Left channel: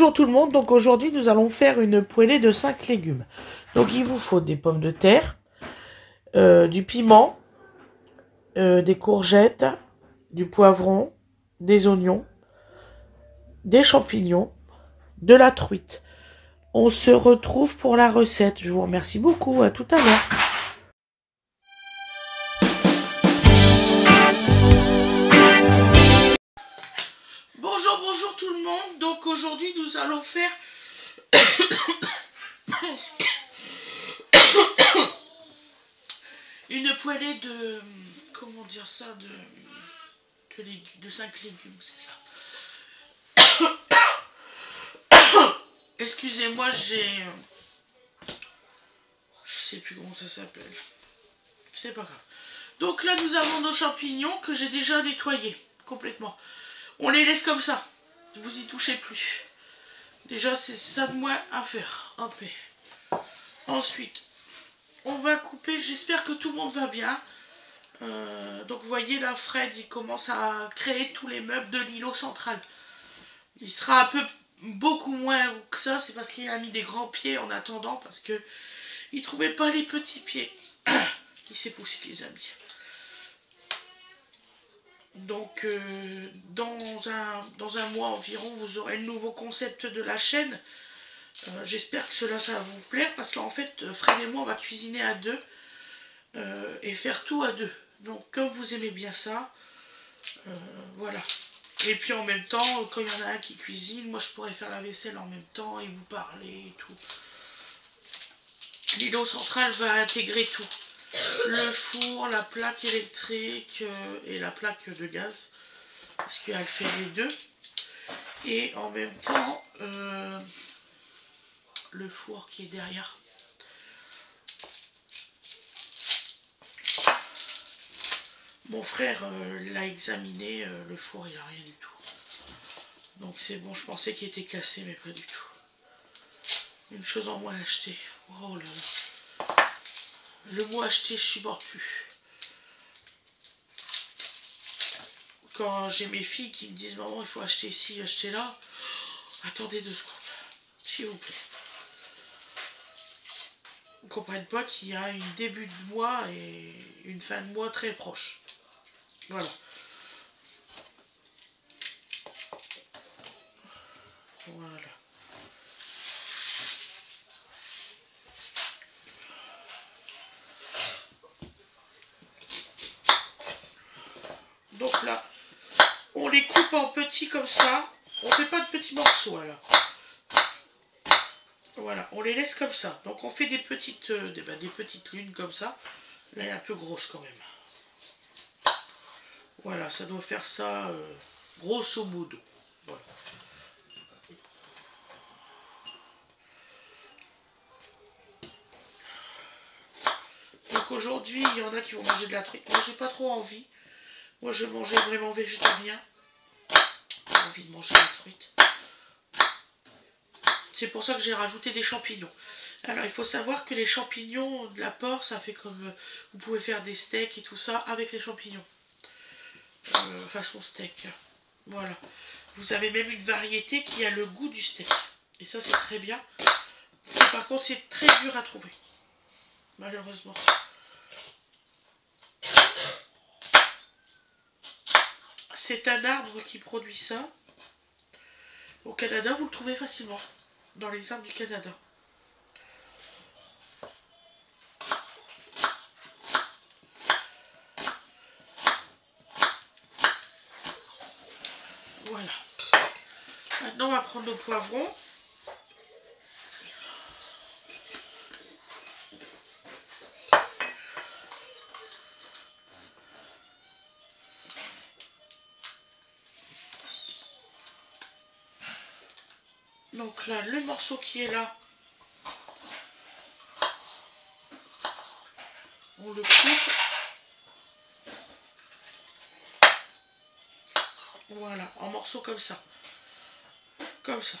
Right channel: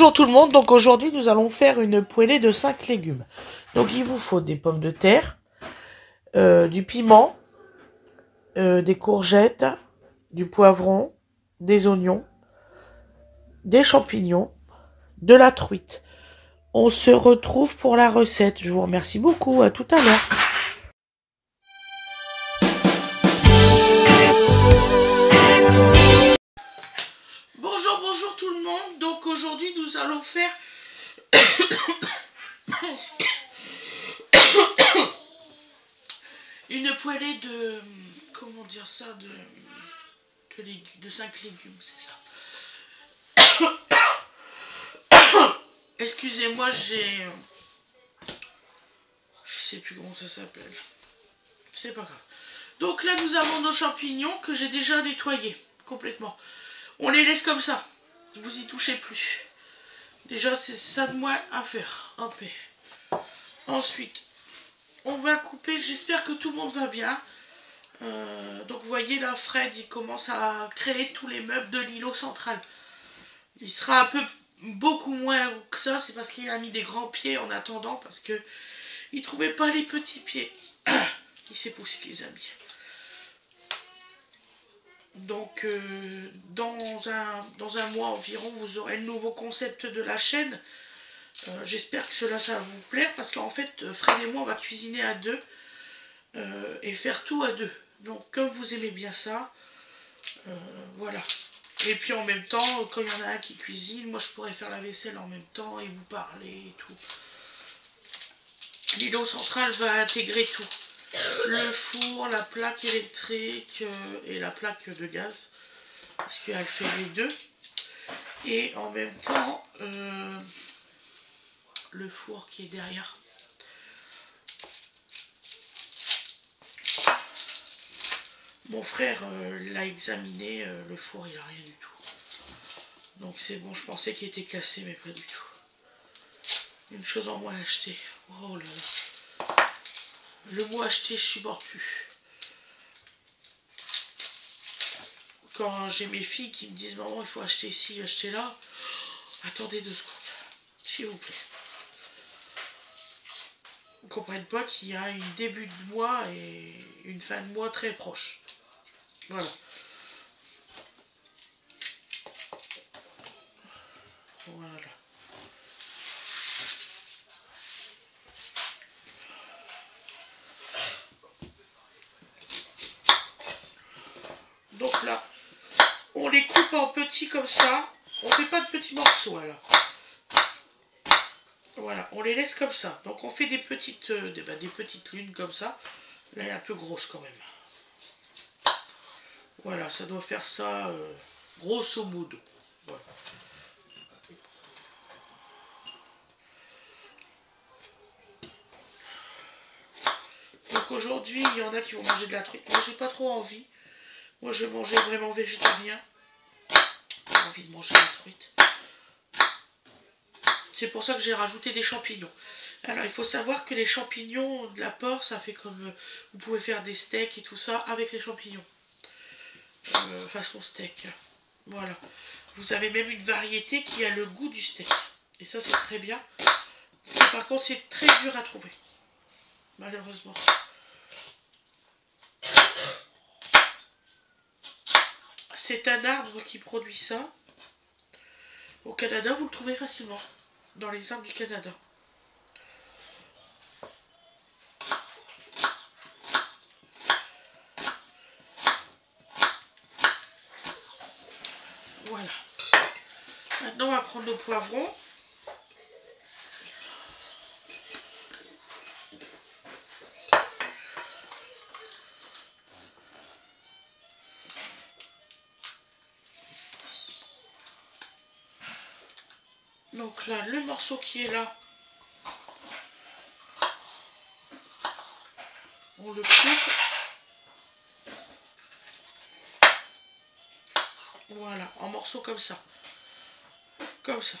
Bonjour tout le monde, donc aujourd'hui nous allons faire une poêlée de 5 légumes. Donc il vous faut des pommes de terre, du piment, des courgettes, du poivron, des oignons, des champignons, de la truite. On se retrouve pour la recette. Je vous remercie beaucoup, à tout à l'heure. Bonjour tout le monde, donc aujourd'hui nous allons faire une poêlée de, comment dire ça, de 5 légumes, c'est ça. Excusez-moi, je sais plus comment ça s'appelle, c'est pas grave. Donc là nous avons nos champignons que j'ai déjà nettoyés complètement. On les laisse comme ça, vous y touchez plus. Déjà c'est ça de moins à faire, hop. Ensuite on va couper, j'espère que tout le monde va bien. Donc vous voyez là, Fred il commence à créer tous les meubles de l'îlot central. Il sera un peu beaucoup moins que ça, c'est parce qu'il a mis des grands pieds en attendant, parce que il trouvait pas les petits pieds. Il s'est poussé les amis. Donc dans un mois environ, vous aurez le nouveau concept de la chaîne. J'espère que cela ça va vous plaire, parce qu'en fait Fred et moi on va cuisiner à deux et faire tout à deux. Donc comme vous aimez bien ça, voilà. Et puis en même temps, quand il y en a un qui cuisine, moi je pourrais faire la vaisselle en même temps et vous parler et tout. L'îlot central va intégrer tout. Le four, la plaque électrique et la plaque de gaz. Parce qu'elle fait les deux. Et en même temps, le four qui est derrière. Mon frère l'a examiné, le four il a rien du tout. Donc c'est bon, je pensais qu'il était cassé, mais pas du tout. Une chose en moins à acheter. Oh là là. Le mot acheter, je supporte plus. Quand j'ai mes filles qui me disent maman il faut acheter ici, acheter là. Attendez 2 secondes, s'il vous plaît. Ils ne comprennent pas qu'il y a un début de mois et une fin de mois très proche. Voilà. Voilà. Donc là, on les coupe en petits comme ça. On ne fait pas de petits morceaux alors. Voilà, on les laisse comme ça. Donc on fait des petites lunes comme ça. Là, elle est un peu grosse quand même. Voilà, ça doit faire ça grosso modo. Voilà. Donc aujourd'hui, il y en a qui vont manger de la truite. Moi, j'ai pas trop envie. Moi, je mangeais vraiment végétarien. J'ai envie de manger la truite. C'est pour ça que j'ai rajouté des champignons. Alors, il faut savoir que les champignons de la porc, ça fait comme... vous pouvez faire des steaks et tout ça avec les champignons. Façon steak. Voilà. Vous avez même une variété qui a le goût du steak. Et ça, c'est très bien. Par contre, c'est très dur à trouver. Malheureusement. C'est un arbre qui produit ça. Au Canada, vous le trouvez facilement. Dans les arbres du Canada. Voilà. Maintenant, on va prendre nos poivrons. Donc là, le morceau qui est là, on le coupe. Voilà, en morceaux comme ça. Comme ça.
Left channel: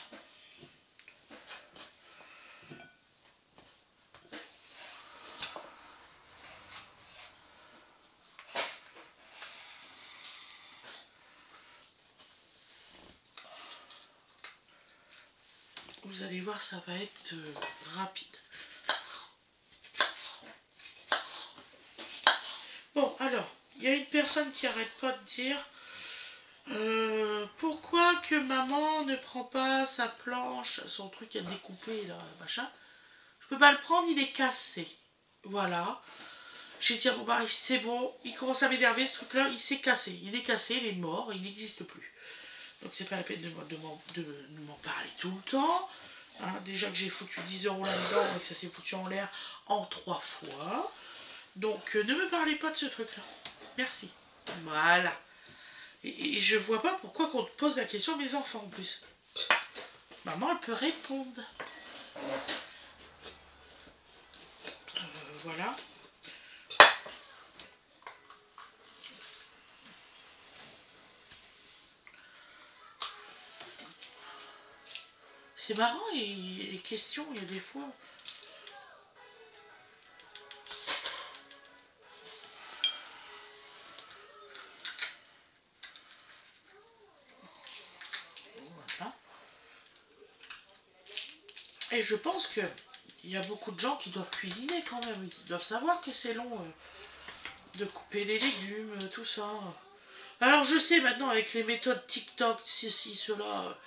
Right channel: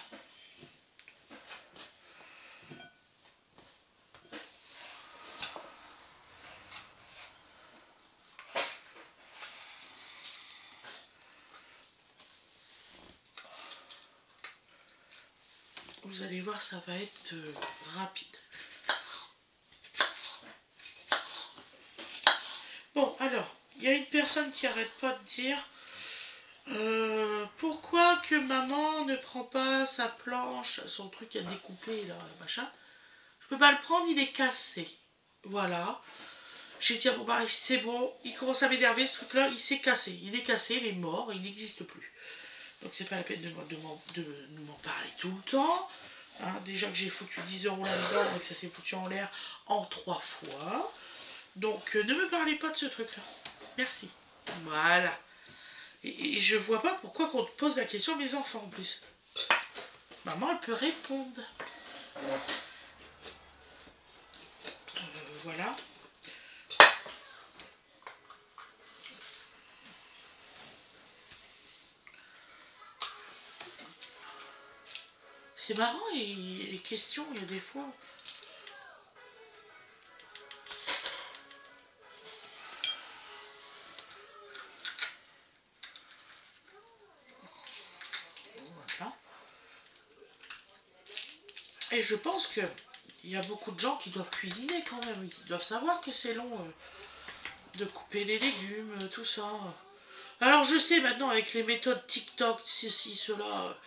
vous allez voir, ça va être rapide. Bon, alors, il y a une personne qui arrête pas de dire pourquoi que maman ne prend pas sa planche, son truc à découper, là, machin. Je peux pas le prendre, il est cassé. Voilà. J'ai dit à mon mari, c'est bon, il commence à m'énerver ce truc-là, il s'est cassé. Il est cassé, il est mort, il n'existe plus. Donc c'est pas la peine de m'en parler tout le temps. Hein, déjà que j'ai foutu 10 € là-dedans et que ça s'est foutu en l'air en 3 fois. Donc ne me parlez pas de ce truc-là. Merci. Voilà. Et je vois pas pourquoi qu'on te pose la question à mes enfants en plus. Maman, elle peut répondre. Voilà. C'est marrant, et les questions, il y a des fois... Voilà. Et je pense que il y a beaucoup de gens qui doivent cuisiner quand même. Ils doivent savoir que c'est long de couper les légumes, tout ça. Alors je sais maintenant avec les méthodes TikTok, ceci, cela...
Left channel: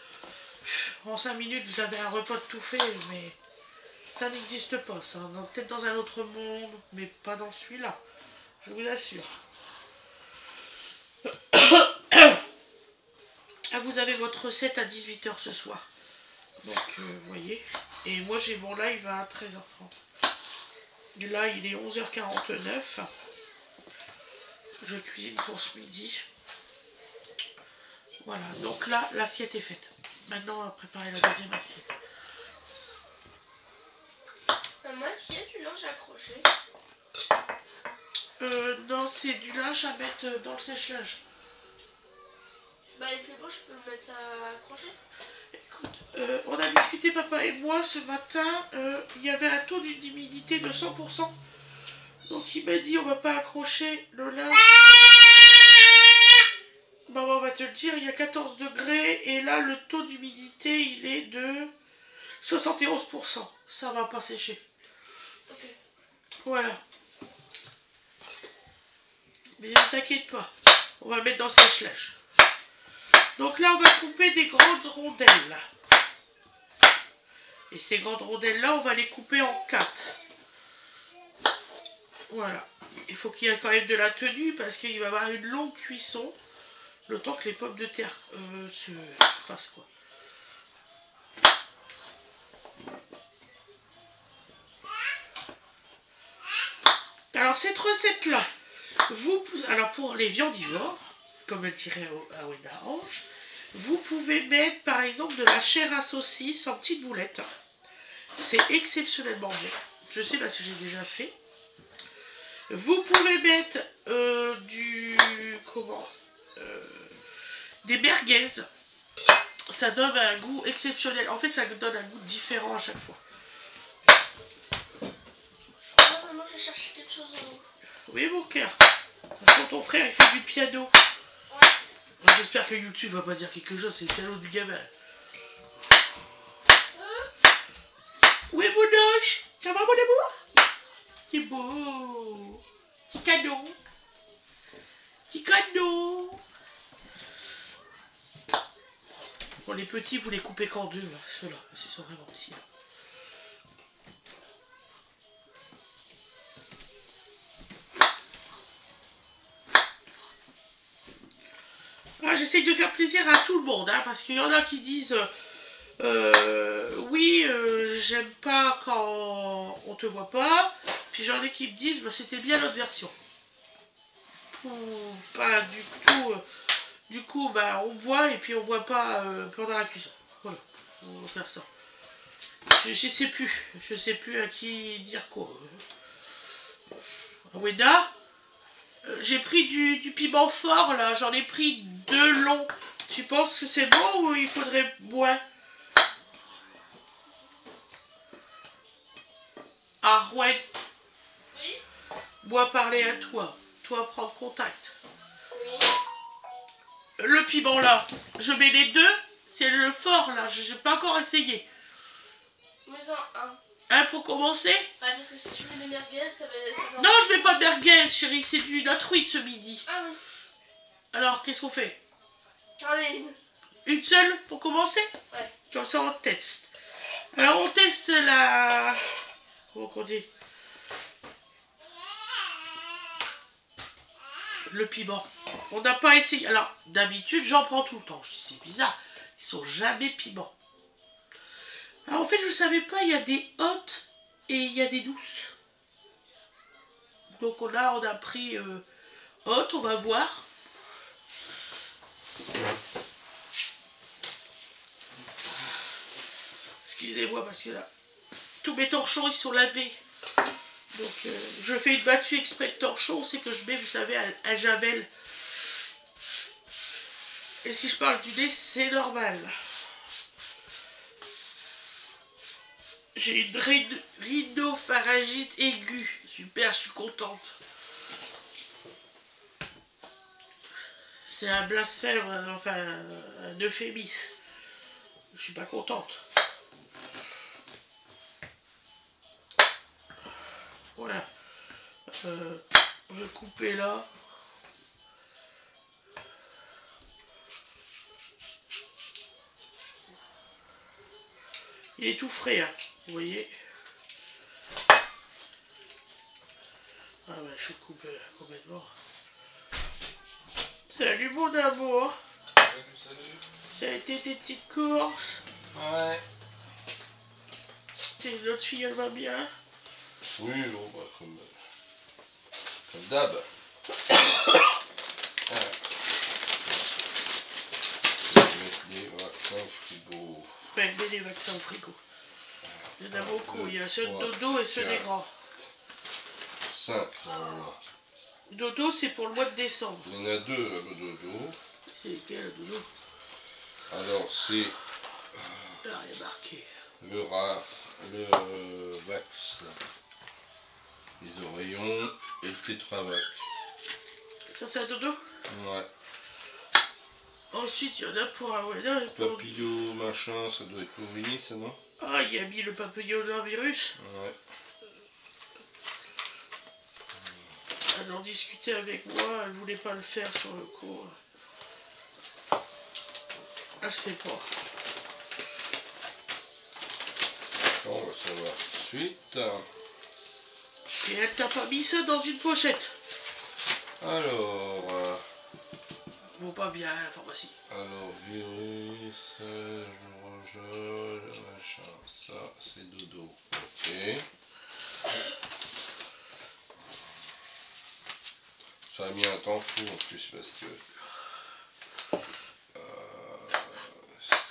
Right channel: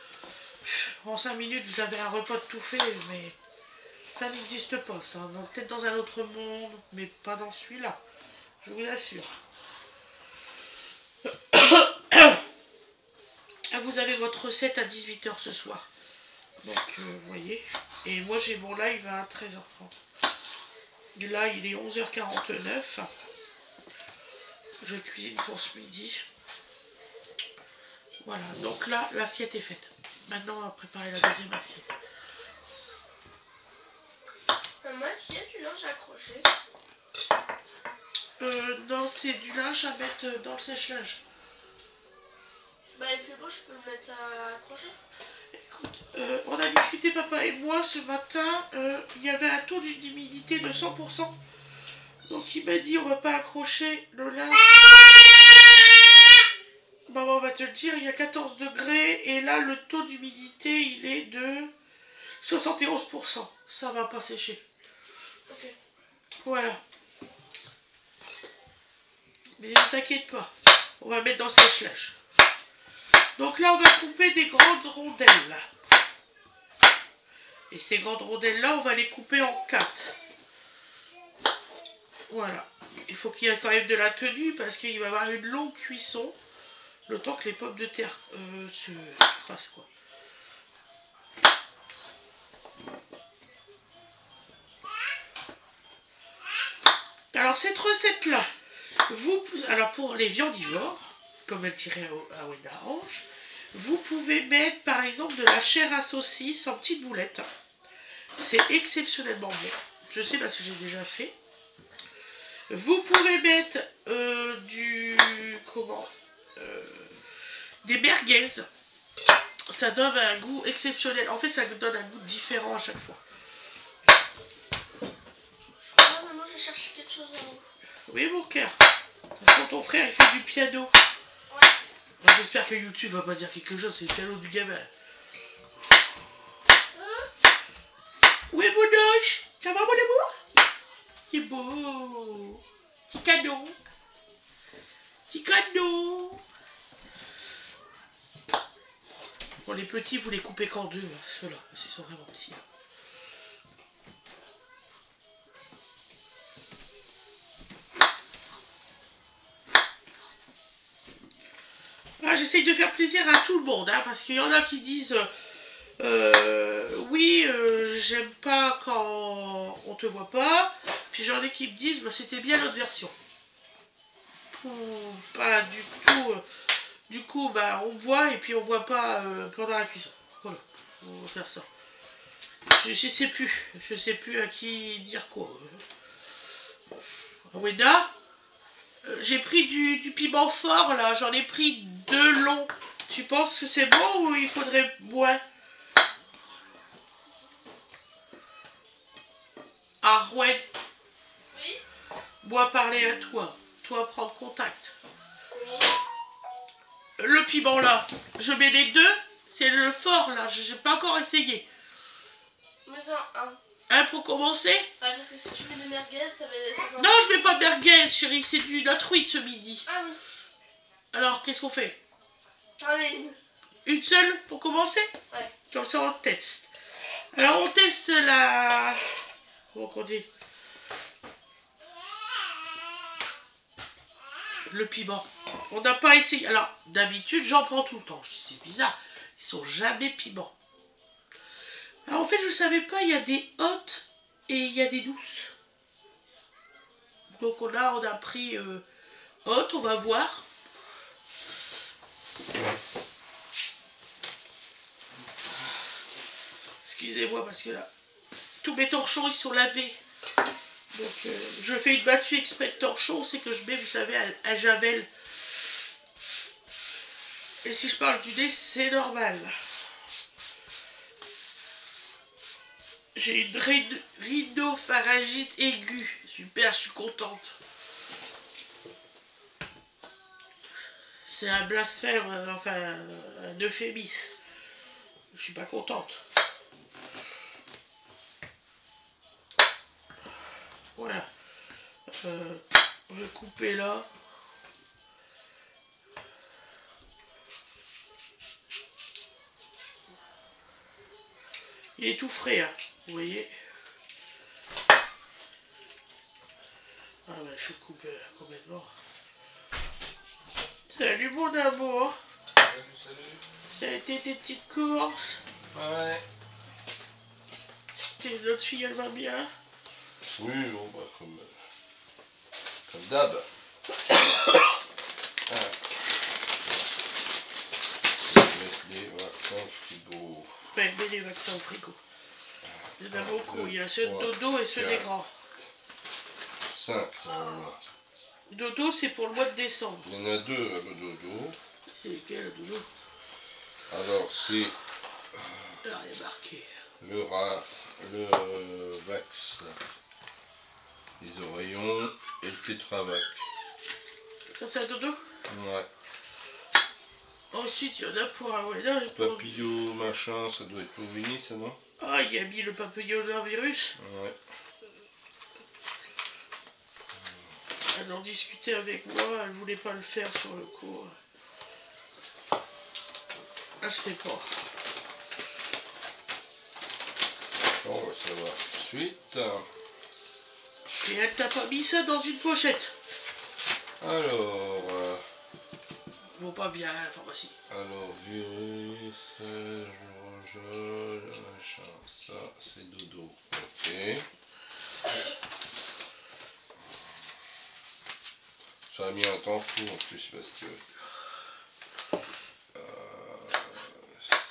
En 5 minutes, vous avez un repas de tout fait, mais ça n'existe pas, ça. Peut-être dans un autre monde, mais pas dans celui-là. Je vous assure. Vous avez votre recette à 18 h ce soir. Donc, vous voyez. Et moi, j'ai mon live à 13 h 30. Et là, il est 11 h 49. Je cuisine pour ce midi. Voilà. Donc là, l'assiette est faite. Maintenant, on va préparer la deuxième assiette. Moi, s'il y a du linge accroché. Non, c'est du linge à mettre dans le sèche-linge. Bah, il fait beau, je peux le mettre à accrocher. Écoute, on a discuté, papa et moi, ce matin. Il y avait un taux d'humidité de 100%. Donc, il m'a dit, on va pas accrocher le linge. Maman va te le dire, il y a 14 degrés. Et là, le taux d'humidité, il est de 71%. Ça va pas sécher. Ok. Voilà. Mais ne t'inquiète pas. On va le mettre dans le sèche-linge. Donc là, on va couper des grandes rondelles. Et ces grandes rondelles-là, on va les couper en 4. Voilà. Il faut qu'il y ait quand même de la tenue parce qu'il va y avoir une longue cuisson. Le temps que les pommes de terre se fassent, quoi. Alors, cette recette-là, alors pour les viandivores, comme elle dirait à Wenda Ange, vous pouvez mettre par exemple de la chair à saucisse en petites boulettes. C'est exceptionnellement bon. Je sais parce que j'ai déjà fait. Vous pouvez mettre des merguez. Ça donne un goût exceptionnel. En fait, ça donne un goût différent à chaque fois. Maman, je cherche quelque chose en haut. Oui, mon cœur. Quand ton frère il fait du piano. Ouais. J'espère que YouTube va pas dire quelque chose, c'est le piano du gamin. Oui, mon ange. Ça va, mon amour? C'est beau. Petit cadeau. Petit cadeau. Bon, les petits, vous les coupez qu'en deux, ceux-là, parce qu'ils sont vraiment petits. Là. Ah, j'essaye de faire plaisir à tout le monde, hein, parce qu'il y en a qui disent oui, j'aime pas quand on te voit pas. Puis j'en ai qui me disent bah, c'était bien l'autre version. Pas du tout. Du coup, bah, on voit et puis on voit pas pendant la cuisson. Voilà, on va faire ça. Je sais plus à qui dire quoi. Weda, j'ai pris du piment fort là, j'en ai pris 2 longs. Tu penses que c'est bon ou il faudrait boire? Ah ouais. Oui. Moi parler à toi. Toi prendre contact. Oui. Le piment là, je mets les deux. C'est le fort là, j'ai pas encore essayé. fais-en un. Un pour commencer? Ouais, parce que si tu fais des merguez, ça va... Non, je mets pas de merguez, chérie, c'est de la truite ce midi. Ah oui. Alors, qu'est-ce qu'on fait? J'en ai une. Une seule pour commencer? Ouais. Comme ça, on teste. Alors, on teste la... Comment on dit? Le piment. On n'a pas essayé. Alors, d'habitude, j'en prends tout le temps. Je dis, c'est bizarre. Ils sont jamais piments. Alors, en fait, je ne savais pas, il y a des hautes et il y a des douces. Donc, on a pris haute, on va voir. Excusez-moi, parce que là, tous mes torchons, ils sont lavés. Donc, je fais une battue exprès de torchons, c'est que je mets, vous savez, un javel. Et si je parle du nez, c'est normal. J'ai une rhinopharyngite aiguë. Super, je suis contente. C'est un blasphème, enfin, un euphémisme. Je suis pas contente. Voilà. Je vais couper là. Il est tout frais, hein, vous voyez. Ah ben, je coupe complètement. Salut mon amour. Salut. Ça a été tes petites courses? Ouais. Notre fille, elle va bien? Oui, bon, bah, comme d'hab. Ouais. Mettre les vaccins au frigo. Ouais, mets les vaccins au frigo. Il y en a beaucoup. Il y a ceux de Ouais. dodo et ceux des 4. grands. 5. Dodo, c'est pour le mois de décembre. Il y en a 2 le dodo. C'est lequel, le dodo? Alors, c'est Là, il y a marqué. le Vax, là. Les oreillons et le Tétravac. Ça, c'est un dodo? Ouais. Ensuite, il y en a pour un Weda et pour... Papillot, machin, ça doit être pour Winnie, ça, non? Ah, il a mis le papillomavirus. Ouais. Elle en discutait avec moi, elle voulait pas le faire sur le coup. Je sais pas. On va savoir tout de suite. Et elle t'a pas mis ça dans une pochette? Alors, Bon, pas bien à la pharmacie. virus, machin, ça c'est dodo. Ok. Ça a mis un temps fou en plus parce que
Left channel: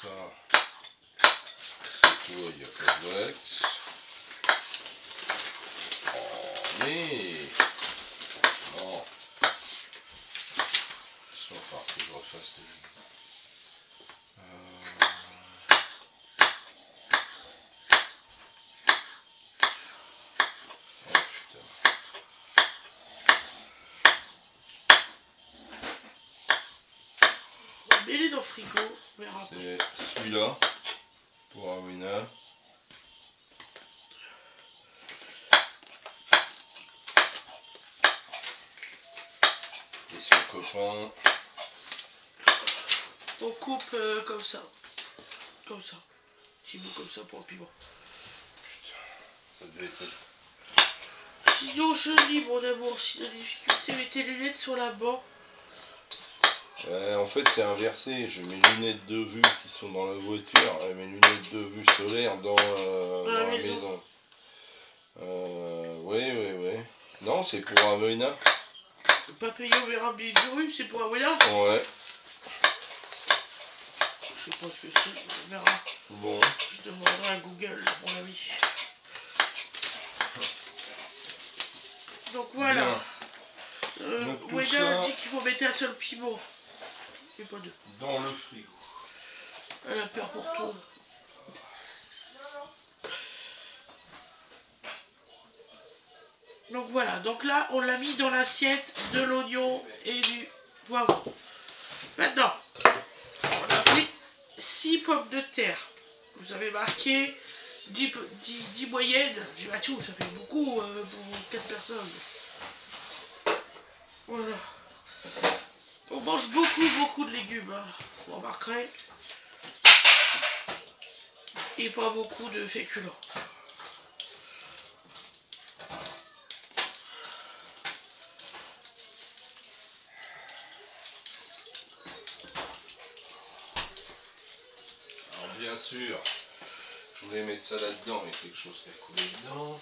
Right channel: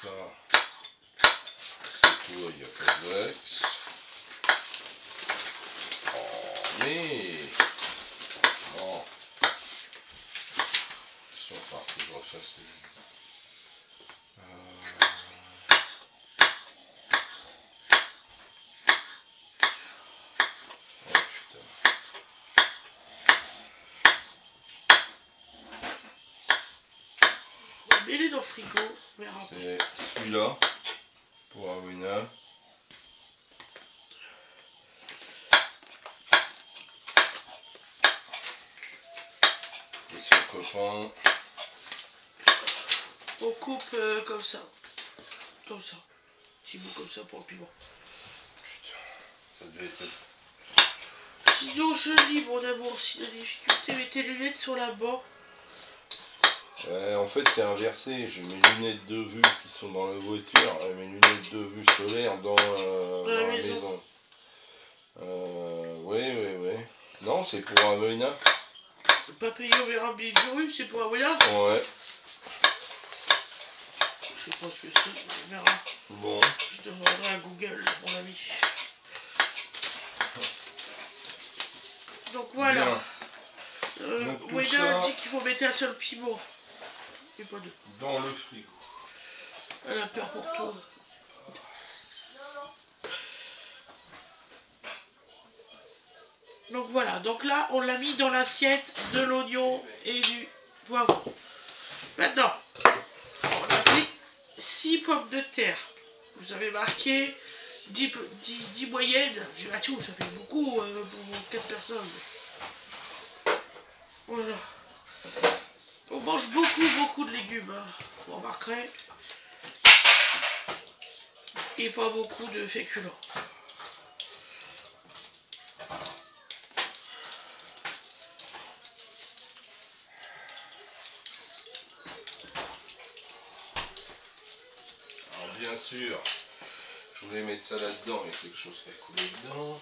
ça c'est quoi, il n'y a pas de Vax. Oh mais non. Il va falloir que je refasse les... Oh putain. On met les dans le frigo, on verra après. C'est celui-là pour Amina. Et son copain. On coupe comme ça. Comme ça. Petit bout comme ça pour le piment. Ça devait être... Sinon, je lis, mon amour, si de difficulté, mets tes lunettes sur la banc. Ouais, en fait c'est inversé, j'ai mes lunettes de vue qui sont dans la voiture et mes lunettes de vue solaire dans la maison. Oui. Non, c'est pour Amina. Le papillomavirus, c'est pour Aweda? Ouais. Je sais pas ce que c'est, on verra. Bon. Je demanderai à Google, mon ami. Donc voilà. Donc, tout Weda ça... dit qu'il faut mettre un seul piment. Et pas deux. Dans le frigo. Elle a peur pour toi. Donc voilà, donc là on l'a mis dans l'assiette de l'oignon et du poivron. Maintenant, on a pris 6 pommes de terre. Vous avez marqué 10 moyennes. J'ai dit, ah, tout, ça fait beaucoup pour 4 personnes. Voilà. On mange beaucoup de légumes. Hein. Vous remarquerez. Et pas beaucoup de féculents. Alors bien sûr, je voulais mettre ça là-dedans, il y a quelque chose qui a coulé dedans.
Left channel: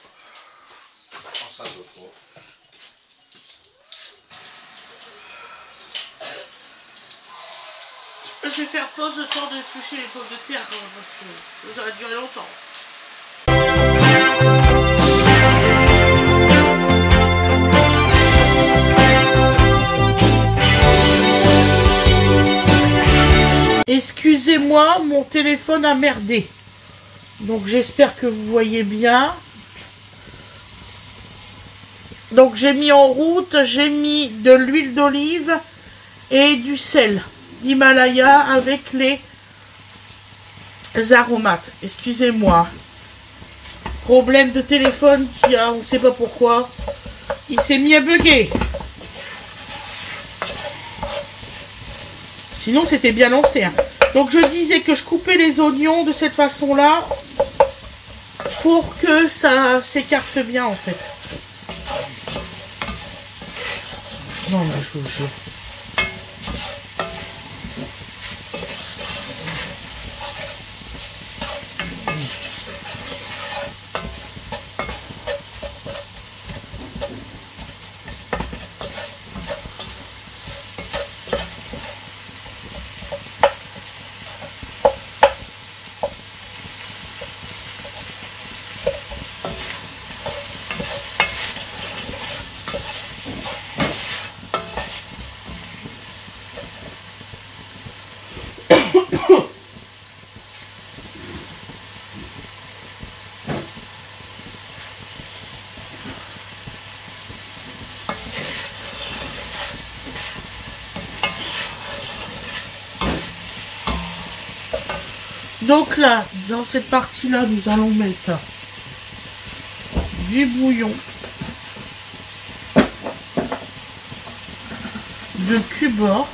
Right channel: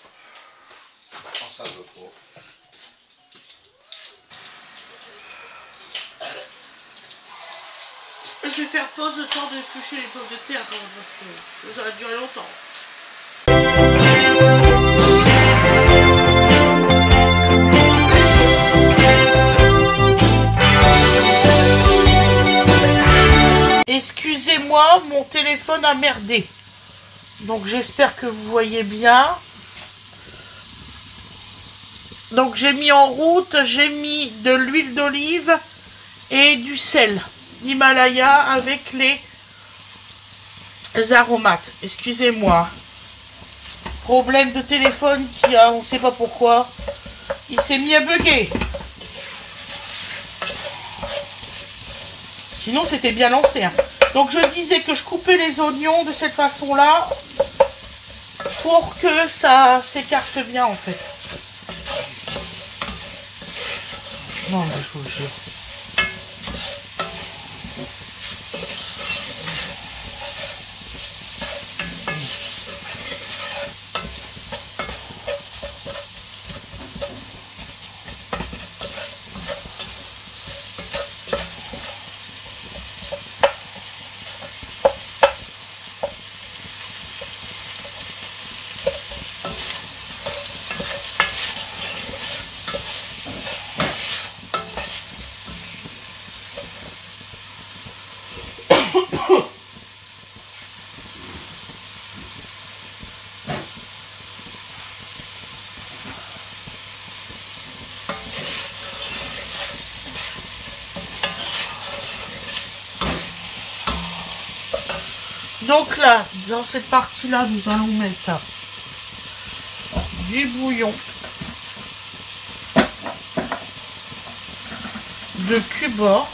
Oh, ça veut pas. Je vais faire pause le temps d'éplucher les pommes de terre quand même, parce que ça va durer longtemps. Excusez-moi, mon téléphone a merdé. Donc j'espère que vous voyez bien. Donc j'ai mis en route, j'ai mis de l'huile d'olive et du sel d'Himalaya avec les aromates. Excusez-moi. Problème de téléphone qui a, on ne sait pas pourquoi. Il s'est mis à bugger. Sinon c'était bien lancé. Hein. Donc je disais que je coupais les oignons de cette façon-là pour que ça s'écarte bien en fait. Non mais je vous jure. Donc là, dans cette partie-là, nous allons mettre du bouillon, de cubord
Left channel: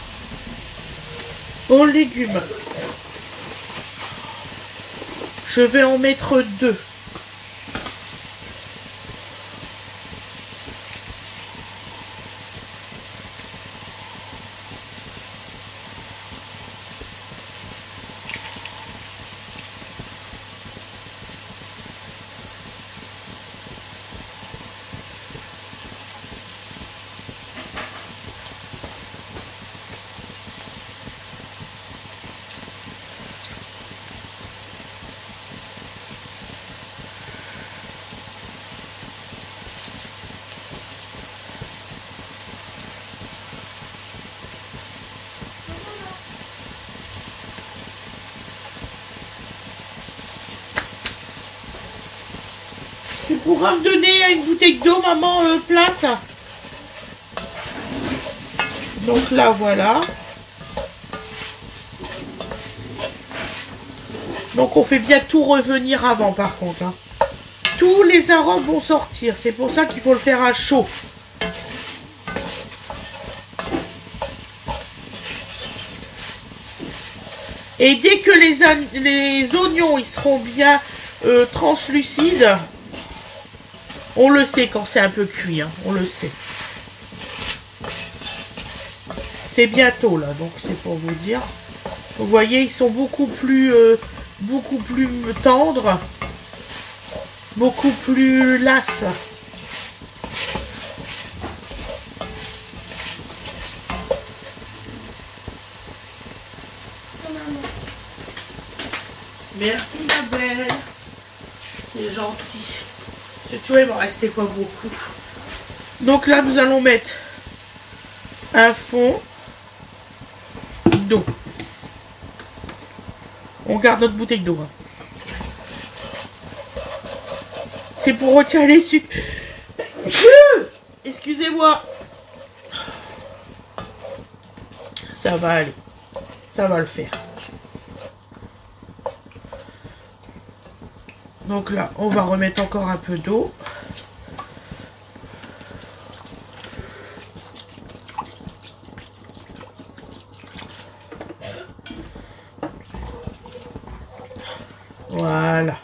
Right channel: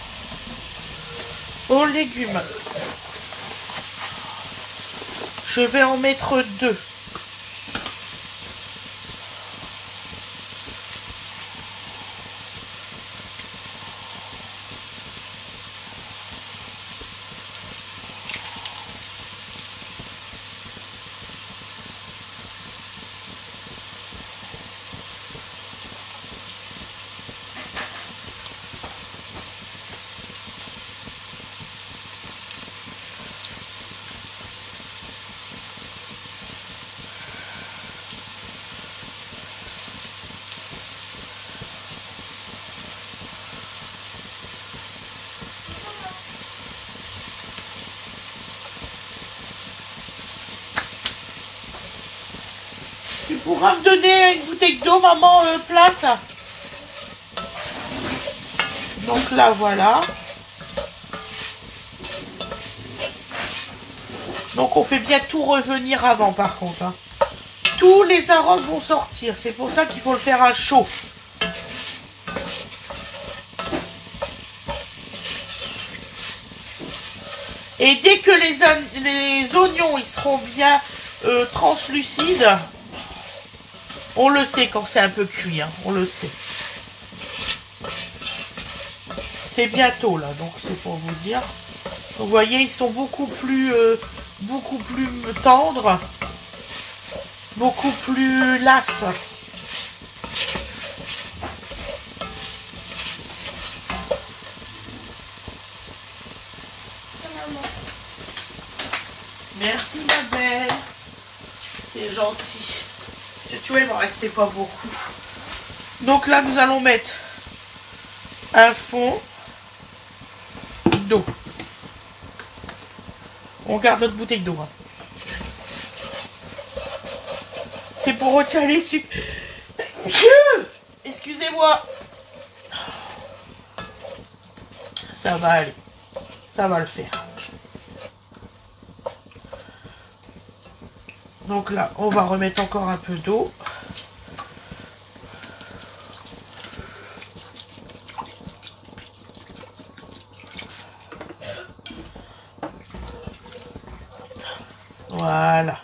aux légumes. Je vais en mettre 2. Tu pourras me donner une bouteille d'eau, maman, plate. Donc là, voilà. Donc on fait bien tout revenir avant, par contre. Hein. Tous les arômes vont sortir. C'est pour ça qu'il faut le faire à chaud. Et dès que les oignons ils seront bien translucides, on le sait quand c'est un peu cuit, hein, on le sait. C'est bientôt là, donc c'est pour vous dire. Vous voyez, ils sont beaucoup plus tendres, beaucoup plus lasses. Merci ma belle, c'est gentil. Tu vois, il m'en restait pas beaucoup. Donc là, nous allons mettre un fond d'eau. On garde notre bouteille d'eau. Hein. C'est pour retirer les sucres. Excusez-moi. Ça va aller. Ça va le faire. Donc là, on va remettre encore un peu d'eau. Voilà.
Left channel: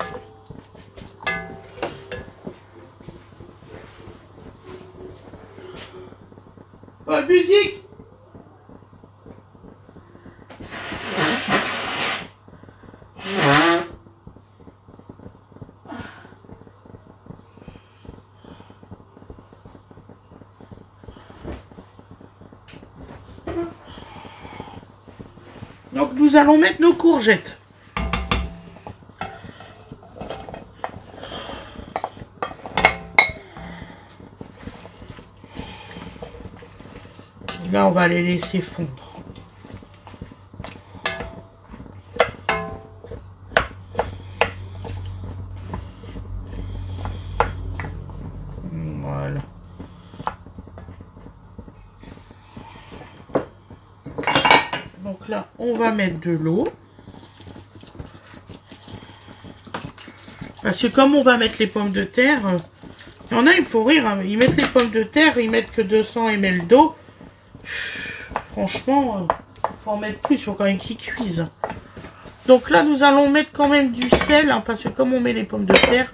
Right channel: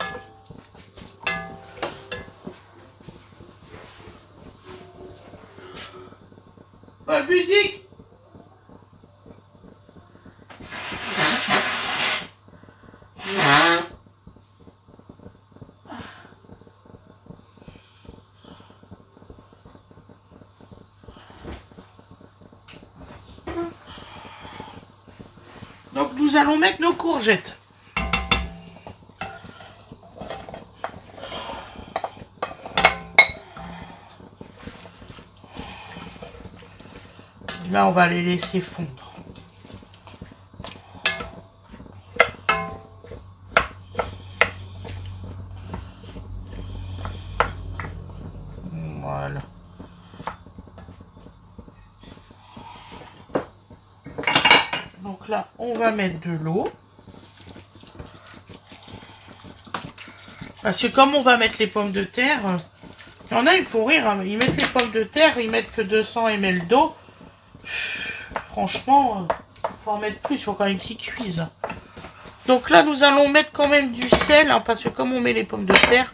Musique. Donc nous allons mettre nos courgettes. Là, on va les laisser fondre. Voilà. Donc là, on va mettre de l'eau. Parce que comme on va mettre les pommes de terre, il y en a, il faut rire, hein, ils mettent les pommes de terre, ils mettent que 200 ml d'eau. Franchement, faut en mettre plus, il faut quand même qu'ils cuisent. Donc là, nous allons mettre quand même du sel, hein, parce que comme on met les pommes de terre,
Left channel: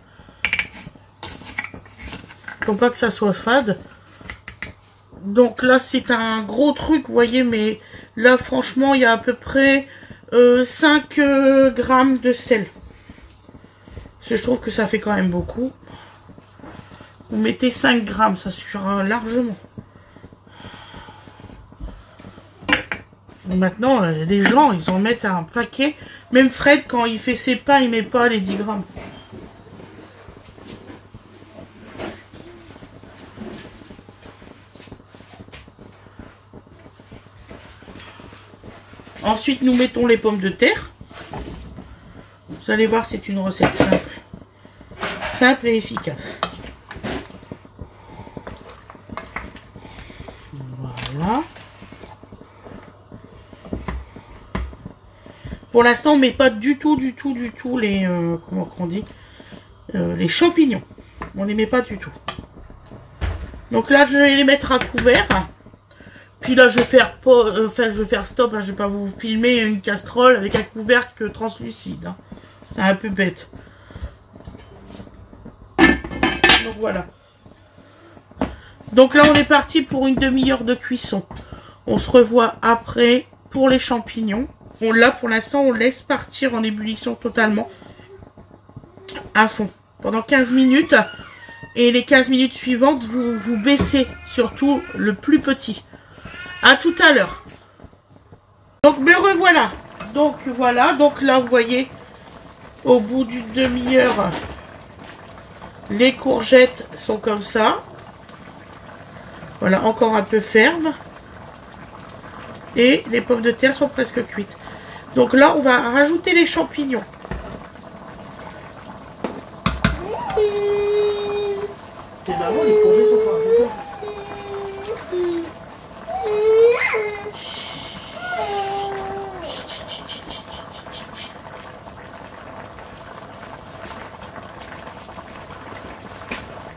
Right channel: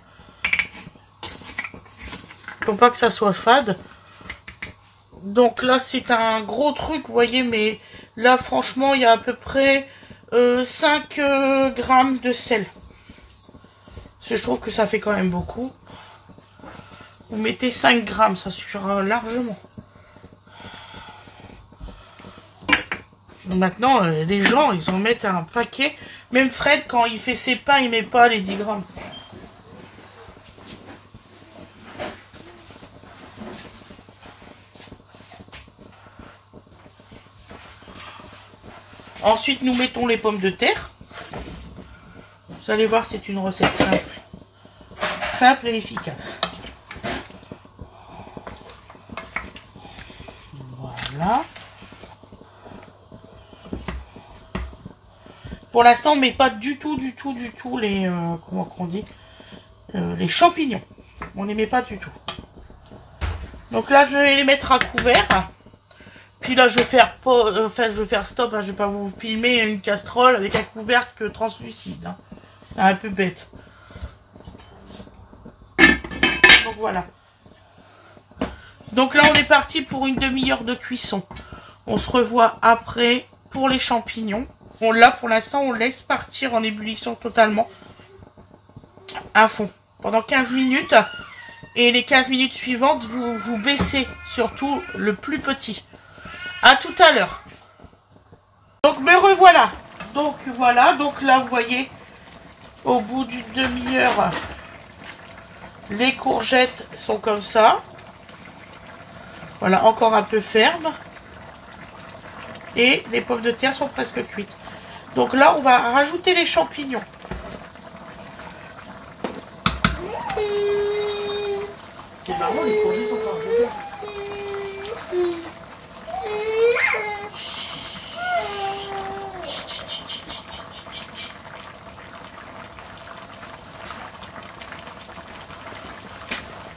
faut pas que ça soit fade. Donc là, c'est un gros truc, vous voyez, mais là, franchement, il y a à peu près 5 grammes de sel. Parce que je trouve que ça fait quand même beaucoup. Vous mettez 5 grammes, ça suffira largement. Maintenant, les gens, ils en mettent un paquet. Même Fred, quand il fait ses pains, il met pas les 10 grammes. Ensuite, nous mettons les pommes de terre. Vous allez voir, c'est une recette simple. Simple et efficace. Voilà. Pour l'instant, on ne met pas du tout les comment on dit, les champignons. On ne les met pas du tout. Donc là, je vais les mettre à couvert. Puis là, je vais faire stop. Hein, je vais pas vous filmer une casserole avec un couvercle translucide. Hein. C'est un peu bête. Donc voilà. Donc là, on est parti pour une demi-heure de cuisson. On se revoit après pour les champignons. Bon, là, pour l'instant, on laisse partir en ébullition totalement à fond pendant 15 minutes. Et les 15 minutes suivantes, vous baissez surtout le plus petit. À tout à l'heure. Donc, me revoilà. Donc, voilà. Donc, là, vous voyez, au bout d'une demi-heure, les courgettes sont comme ça. Voilà, encore un peu ferme. Et les pommes de terre sont presque cuites. Donc là, on va rajouter les champignons. C'est marrant, les courgettes sont pas.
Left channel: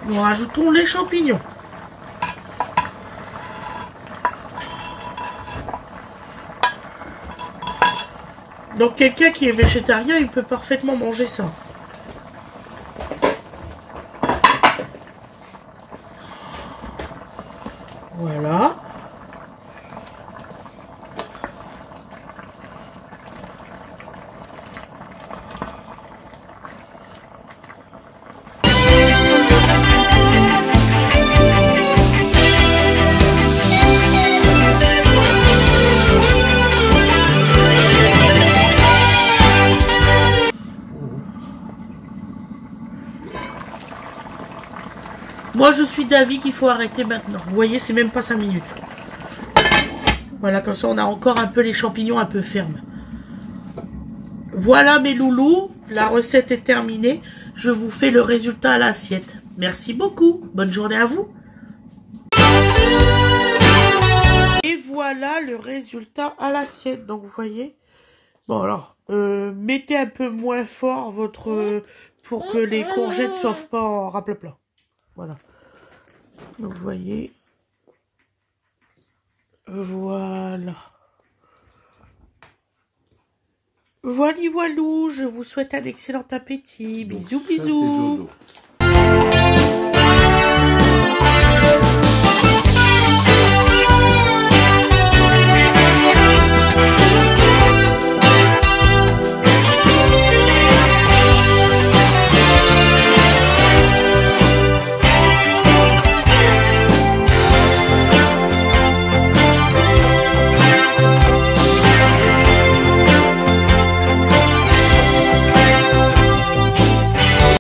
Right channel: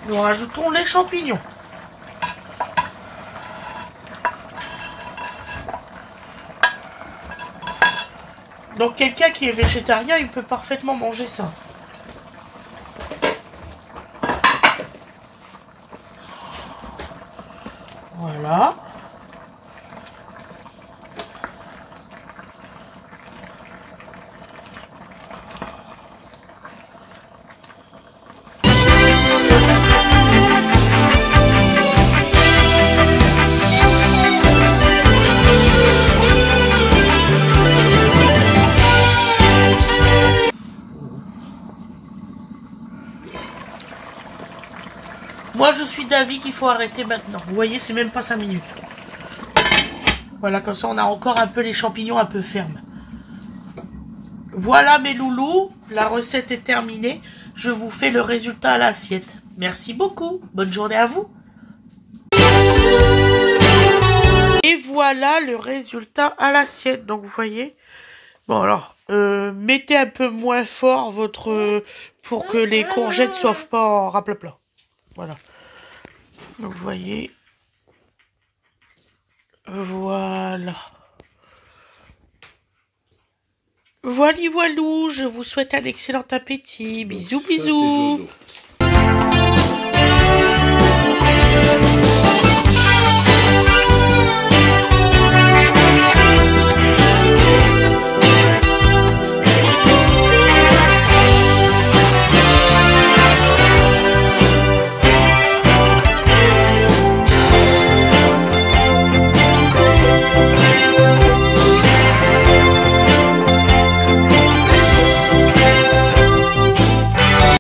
Nous rajoutons les champignons. Donc quelqu'un qui est végétarien, il peut parfaitement manger ça. Voilà. Moi, je suis d'avis qu'il faut arrêter maintenant. Vous voyez, c'est même pas 5 minutes. Voilà, comme ça, on a encore un peu les champignons un peu fermes. Voilà, mes loulous. La recette est terminée. Je vous fais le résultat à l'assiette. Merci beaucoup. Bonne journée à vous. Et voilà le résultat à l'assiette. Donc, vous voyez. Bon alors, mettez un peu moins fort votre... pour que les courgettes soient pas en raplapla. Voilà. Donc, vous voyez. Voilà. Voilà, voilou, je vous souhaite un excellent appétit. Donc Bisous, ça, c'est bisous. dodo.